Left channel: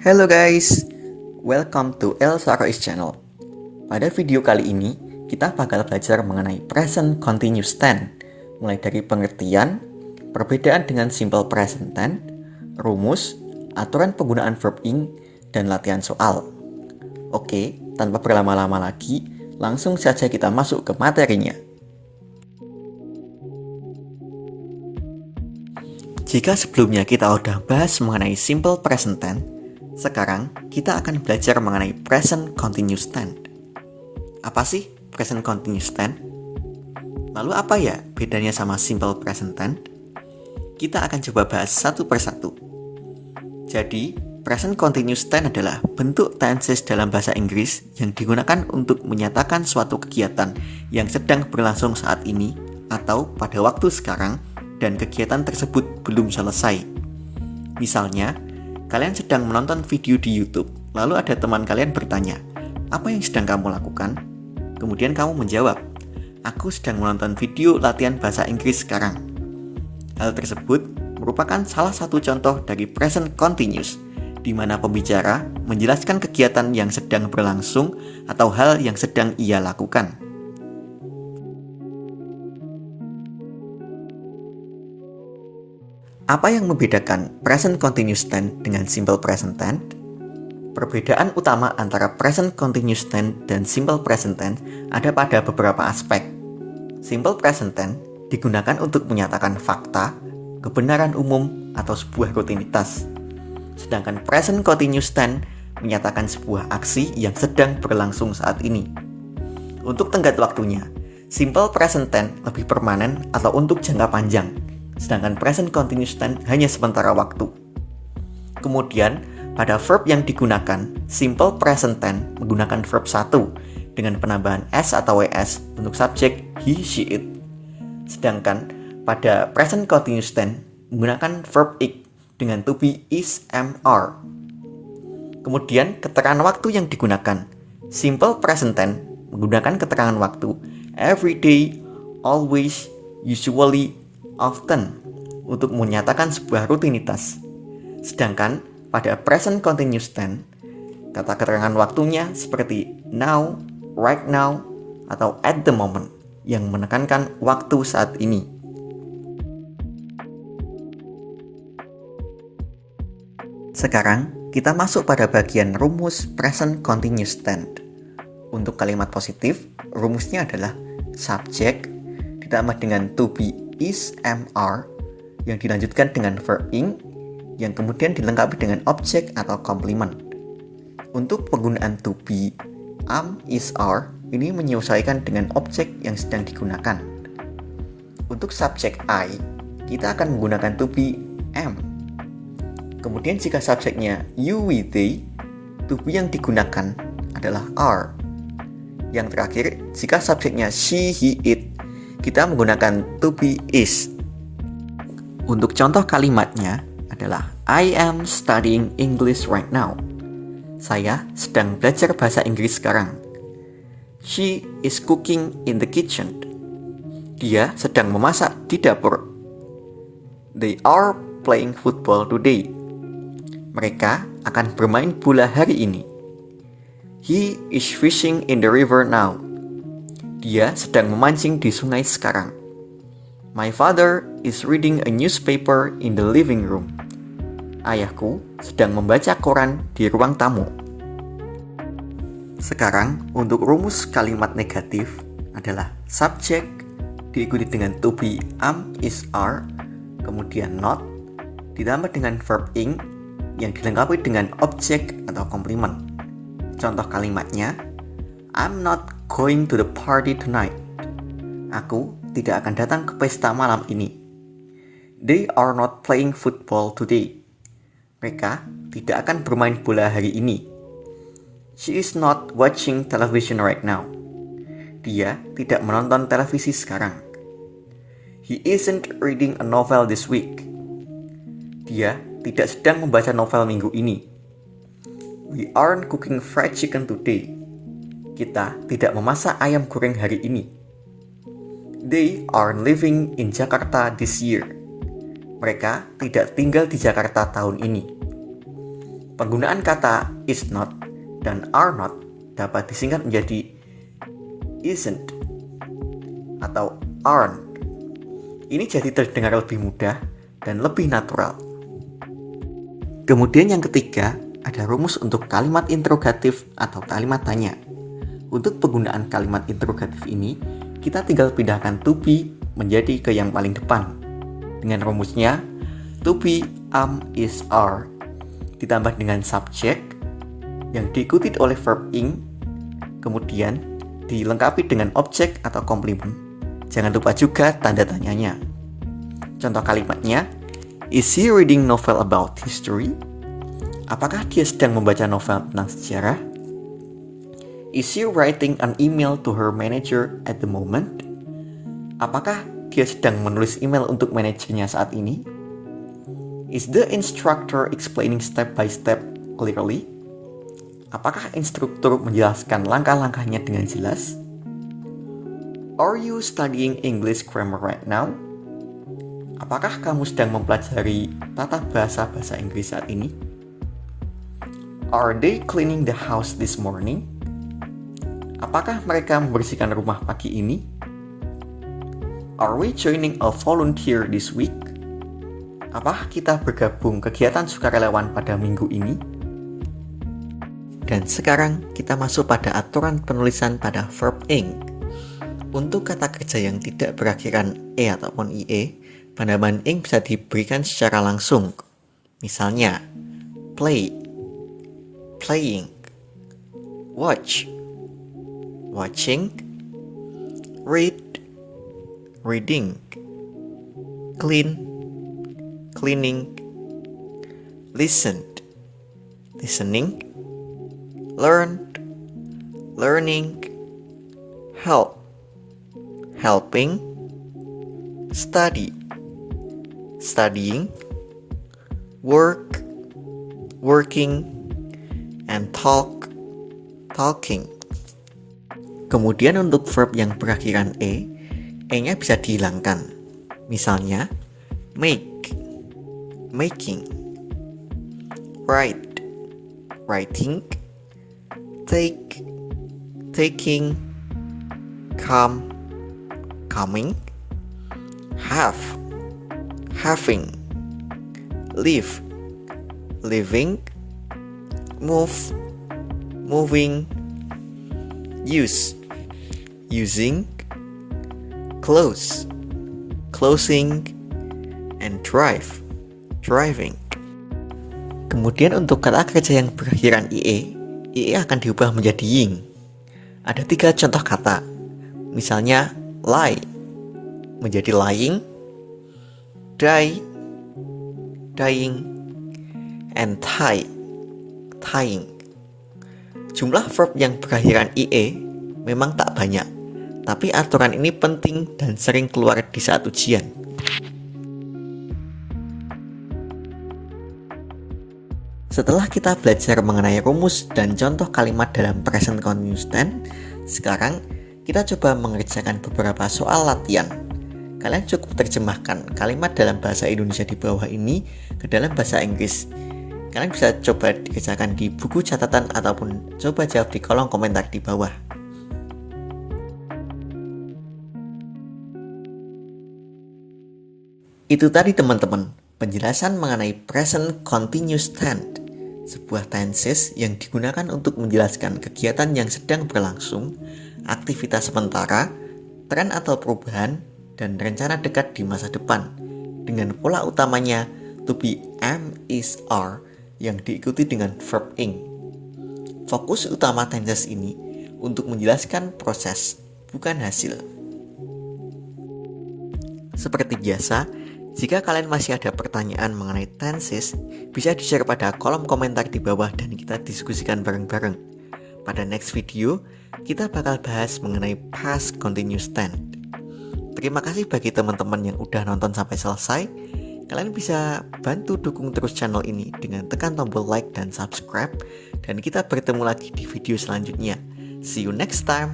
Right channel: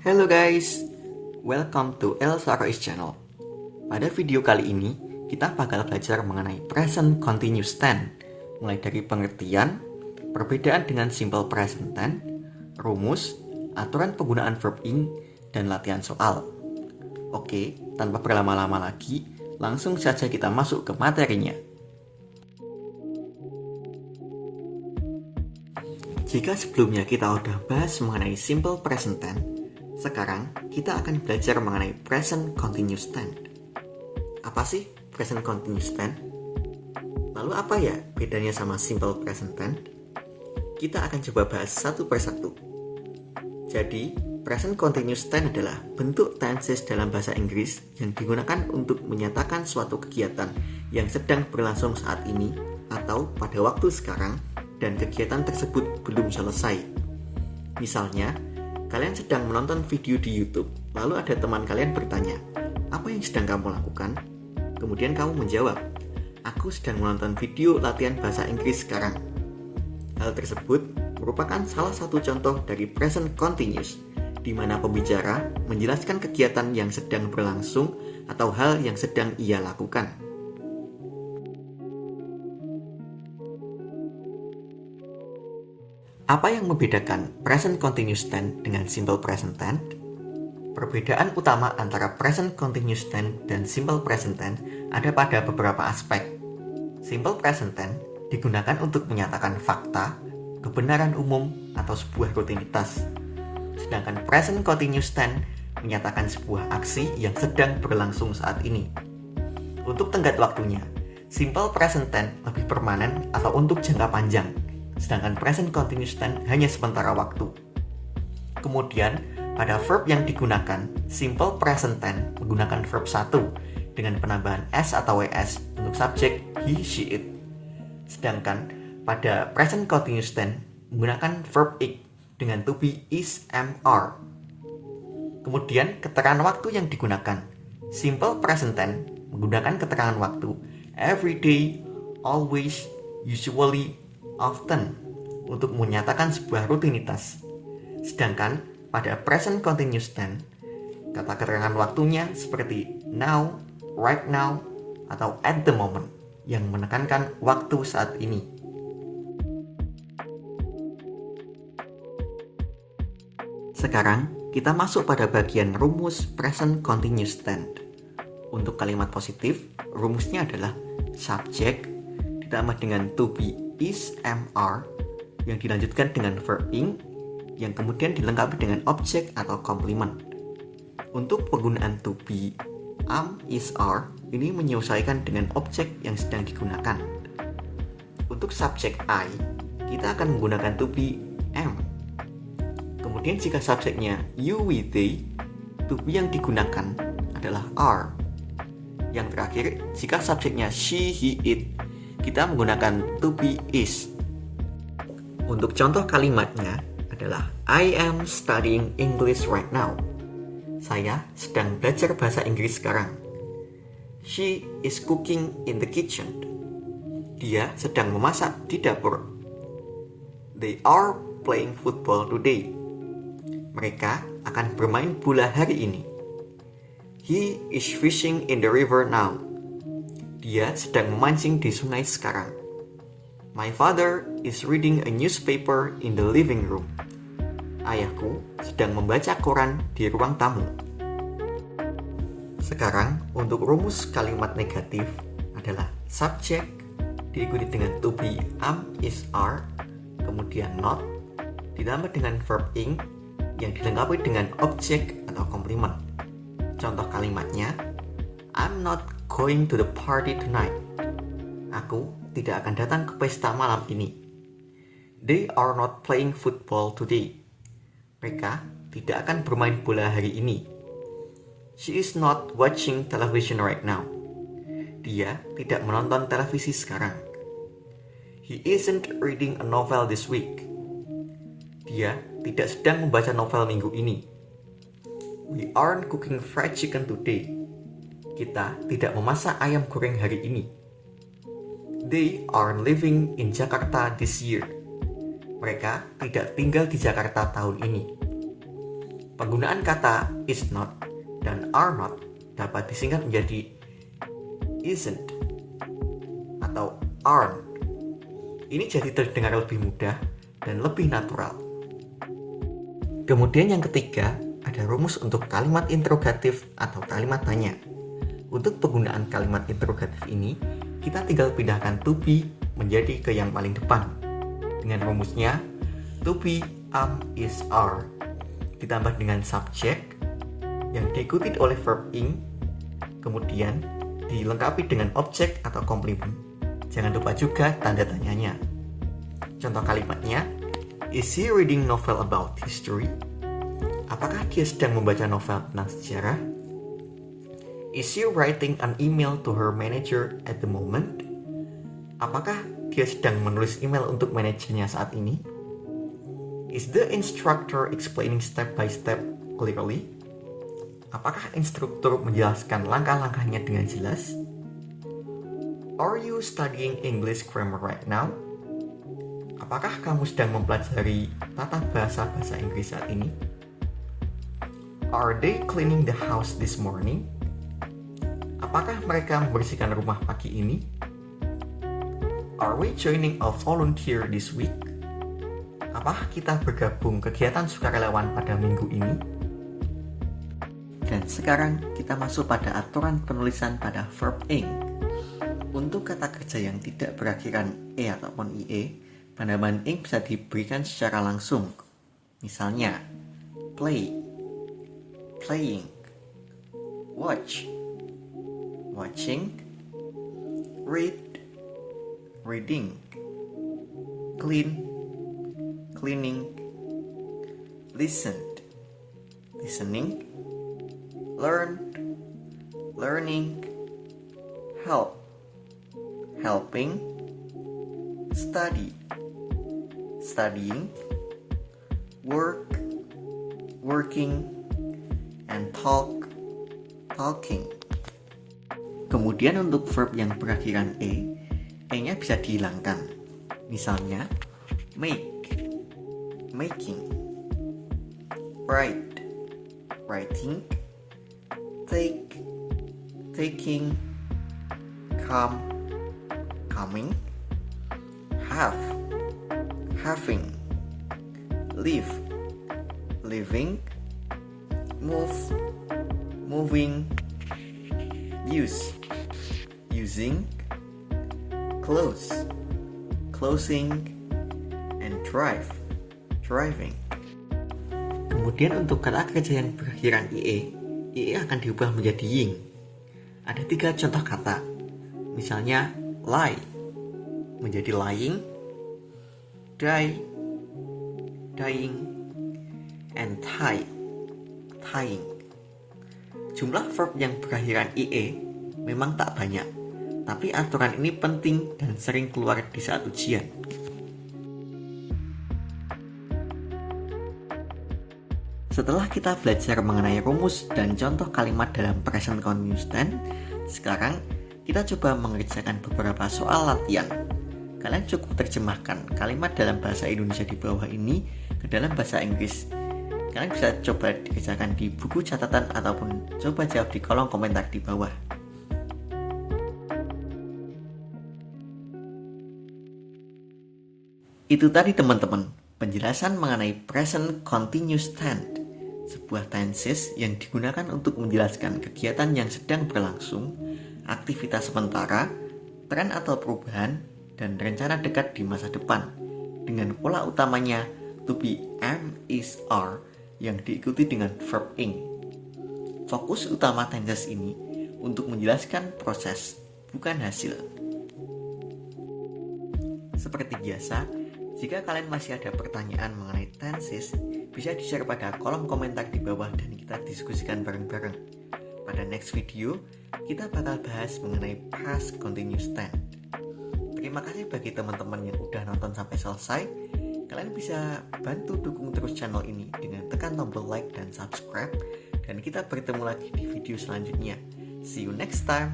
Hello guys, welcome to El Sarois channel. Pada video kali ini, kita bakal belajar mengenai present continuous tense, mulai dari pengertian, perbedaan dengan simple present tense, rumus, aturan penggunaan verb ing, dan latihan soal. Oke, tanpa berlama-lama lagi, langsung saja kita masuk ke materinya. Jika sebelumnya kita udah bahas mengenai simple present tense, sekarang kita akan belajar mengenai present continuous tense. Apa sih present continuous tense? Lalu apa ya bedanya sama simple present tense? Kita akan coba bahas satu persatu. Jadi, present continuous tense adalah bentuk tenses dalam bahasa Inggris yang digunakan untuk menyatakan suatu kegiatan yang sedang berlangsung saat ini atau pada waktu sekarang dan kegiatan tersebut belum selesai. Misalnya, kalian sedang menonton video di YouTube, lalu ada teman kalian bertanya, "Apa yang sedang kamu lakukan?" Kemudian kamu menjawab, "Aku sedang menonton video latihan bahasa Inggris sekarang." Hal tersebut merupakan salah satu contoh dari present continuous, di mana pembicara menjelaskan kegiatan yang sedang berlangsung atau hal yang sedang ia lakukan. Apa yang membedakan present continuous tense dengan simple present tense? Perbedaan utama antara present continuous tense dan simple present tense ada pada beberapa aspek. Simple present tense digunakan untuk menyatakan fakta, kebenaran umum, atau sebuah rutinitas. Sedangkan present continuous tense menyatakan sebuah aksi yang sedang berlangsung saat ini. Untuk tenggat waktunya, simple present tense lebih permanen atau untuk jangka panjang, sedangkan present continuous tense hanya sementara waktu. Kemudian, pada verb yang digunakan, simple present tense menggunakan verb 1 dengan penambahan s atau ws untuk subjek he, she, it. Sedangkan pada present continuous tense menggunakan verb ik dengan to be, is, am, are. Kemudian keterangan waktu yang digunakan, simple present tense menggunakan keterangan waktu every day, always, usually, often untuk menyatakan sebuah rutinitas. Sedangkan pada present continuous tense, kata keterangan waktunya seperti now, right now, atau at the moment yang menekankan waktu saat ini. Sekarang kita masuk pada bagian rumus present continuous tense. Untuk kalimat positif, rumusnya adalah subject ditambah dengan to be, is, am, are yang dilanjutkan dengan verb ing yang kemudian dilengkapi dengan objek atau komplement. Untuk penggunaan to be, am, is, are ini menyesuaikan dengan objek yang sedang digunakan. Untuk subjek I, kita akan menggunakan to be, am. Kemudian jika subjeknya you, we, they, to be yang digunakan adalah are. Yang terakhir, jika subjeknya she, he, it, kita menggunakan to be, is. Untuk contoh kalimatnya adalah I am studying English right now. Saya sedang belajar bahasa Inggris sekarang. She is cooking in the kitchen. Dia sedang memasak di dapur. They are playing football today. Mereka akan bermain bola hari ini. He is fishing in the river now. Dia sedang memancing di sungai sekarang. My father is reading a newspaper in the living room. Ayahku sedang membaca koran di ruang tamu. Sekarang untuk rumus kalimat negatif adalah subject diikuti dengan to be, am, is, are, kemudian not ditambah dengan verb ing yang dilengkapi dengan objek atau komplement. Contoh kalimatnya, I'm not going to the party tonight. Aku tidak akan datang ke pesta malam ini. They are not playing football today. Mereka tidak akan bermain bola hari ini. She is not watching television right now. Dia tidak menonton televisi sekarang. He isn't reading a novel this week. Dia tidak sedang membaca novel minggu ini. We aren't cooking fried chicken today. Kita tidak memasak ayam goreng hari ini. They are living in Jakarta this year. Mereka tidak tinggal di Jakarta tahun ini. Penggunaan kata is not dan are not dapat disingkat menjadi isn't atau aren't. Ini jadi terdengar lebih mudah dan lebih natural. Kemudian yang ketiga, ada rumus untuk kalimat interrogatif atau kalimat tanya. Untuk penggunaan kalimat interrogatif ini, kita tinggal pindahkan to be menjadi ke yang paling depan. Dengan rumusnya, to be, am, is, are, ditambah dengan subject yang diikuti oleh verb ing, kemudian dilengkapi dengan objek atau komplement. Jangan lupa juga tanda tanyanya. Contoh kalimatnya, is he reading novel about history? Apakah dia sedang membaca novel tentang sejarah? Is she writing an email to her manager at the moment? Apakah dia sedang menulis email untuk manajernya saat ini? Is the instructor explaining step by step clearly? Apakah instruktur menjelaskan langkah-langkahnya dengan jelas? Are you studying English grammar right now? Apakah kamu sedang mempelajari tata bahasa Inggris saat ini? Are they cleaning the house this morning? Apakah mereka membersihkan rumah pagi ini? Are we joining a volunteer this week? Apakah kita bergabung kegiatan sukarelawan pada minggu ini? Dan sekarang kita masuk pada aturan penulisan pada verb ing. Untuk kata kerja yang tidak berakhiran e ataupun ie, penambahan ing bisa diberikan secara langsung. Misalnya, play, playing, watch, watching, read, reading, clean, cleaning, listen, listening, learn, learning, help, helping, study, studying, work, working, and talk, talking. Kemudian untuk verb yang berakhiran e-nya bisa dihilangkan. Misalnya, make, making, write, writing, take, taking, come, coming, have, having, live, living, move, moving, use, using, close, closing, and drive, driving. Kemudian untuk kata kerja yang berakhiran ie akan diubah menjadi ying. Ada 3 contoh kata. Misalnya lie menjadi lying, die, dying, and tie, tying. Jumlah verb yang berakhiran ie memang tak banyak, tapi aturan ini penting dan sering keluar di saat ujian. Setelah kita belajar mengenai rumus dan contoh kalimat dalam present continuous tense, sekarang kita coba mengerjakan beberapa soal latihan. Kalian cukup terjemahkan kalimat dalam bahasa Indonesia di bawah ini ke dalam bahasa Inggris. Kalian bisa coba dikerjakan di buku catatan ataupun coba jawab di kolom komentar di bawah. Itu tadi teman-teman, penjelasan mengenai present continuous tense, sebuah tenses yang digunakan untuk menjelaskan kegiatan yang sedang berlangsung, aktivitas sementara, tren atau perubahan, dan rencana dekat di masa depan, dengan pola utamanya to be, am, is, are, yang diikuti dengan verb ing. Fokus utama tenses ini untuk menjelaskan proses, bukan hasil. Seperti biasa, jika kalian masih ada pertanyaan mengenai tenses, bisa di-share pada kolom komentar di bawah dan kita diskusikan bareng-bareng. Pada next video, kita bakal bahas mengenai past continuous tense. Terima kasih bagi teman-teman yang udah nonton sampai selesai. Kalian bisa bantu dukung terus channel ini dengan tekan tombol like dan subscribe. Dan kita bertemu lagi di video selanjutnya. See you next time.